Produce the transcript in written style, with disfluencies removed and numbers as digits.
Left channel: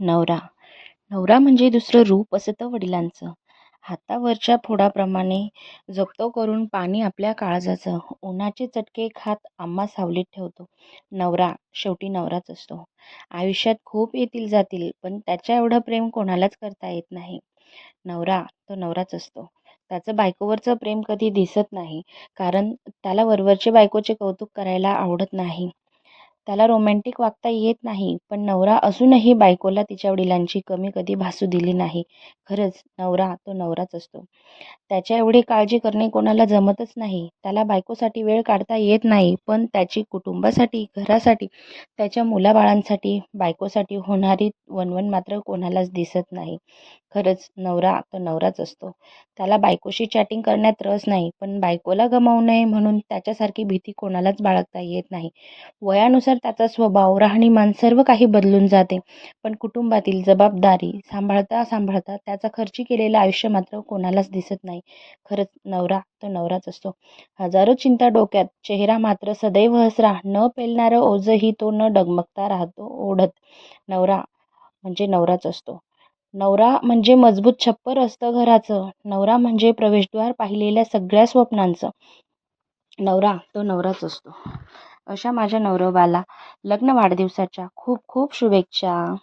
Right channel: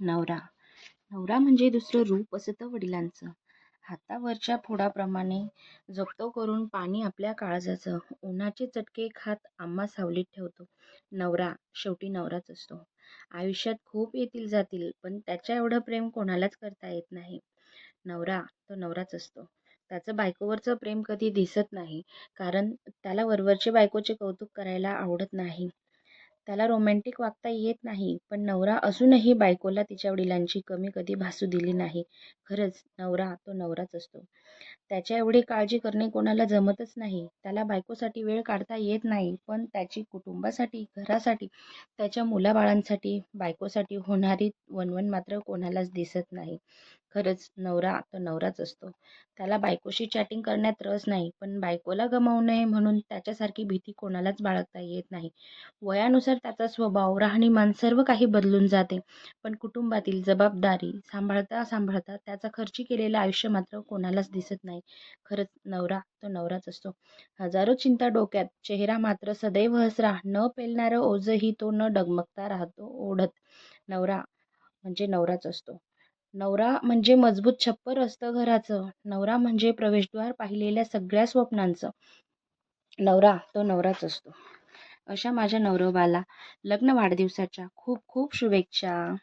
नवरा. नवरा म्हणजे दुसरं रूप असतं वडिलांचं. हातावरच्या फोडाप्रमाणे जप्त करून पाणी आपल्या काळजाचं. उन्हाचे चटके खात आम्हा सावलीत ठेवतो. नवरा शेवटी नवराच असतो. आयुष्यात खूप येतील जातील, पण त्याच्या एवढं प्रेम कोणालाच करता येत नाही. नवरा तो नवराच असतो. त्याचं बायकोवरचं प्रेम कधी दिसत नाही, कारण त्याला वरवरचे बायकोचे कौतुक करायला आवडत नाही. त्याला रोमॅन्टिक वागता येत नाही, पण नवरा असूनही बायकोला तिच्या वडिलांची कमी कधी भासू दिली नाही. खरंच नवरा तो नवराच असतो. त्याच्या एवढी काळजी करणे कोणाला जमतच नाही. त्याला बायकोसाठी वेळ काढता येत नाही, पण त्याची कुटुंबासाठी, घरासाठी, त्याच्या मुलाबाळांसाठी, बायकोसाठी होणारी वणवण मात्र कोणालाच दिसत नाही. खरंच नवरा तो नवराच असतो. त्याला बायकोशी चॅटिंग करण्यात रस नाही, पण बायकोला गमावू नये म्हणून त्याच्यासारखी भीती कोणालाच बाळगता येत नाही. वयानुसार त्याचा स्वभाव, राहणीमान सर्व काही बदलून जाते, पण कुटुंबातील जबाबदारी सांभाळता सांभाळता त्याचा खर्ची केलेलं आयुष्य मात्र कोणालाच दिसत नाही. खरंच नवरा तो नवराच असतो. हजारो चिंता डोक्यात, चेहरा मात्र सदैव हसरा, न पेलणारं ओझंही तो न डगमगता राहतो ओढत. नवरा म्हणजे नवराच असतो. नवरा म्हणजे मजबूत छप्पर असतं घराचं. नवरा म्हणजे प्रवेशद्वार पाहिलेल्या सगळ्या स्वप्नांचं. नवरा तो नवराच असतो. अशा माझ्या नवरोबाला लग्न वाढदिवसाच्या खूप खूप शुभेच्छा.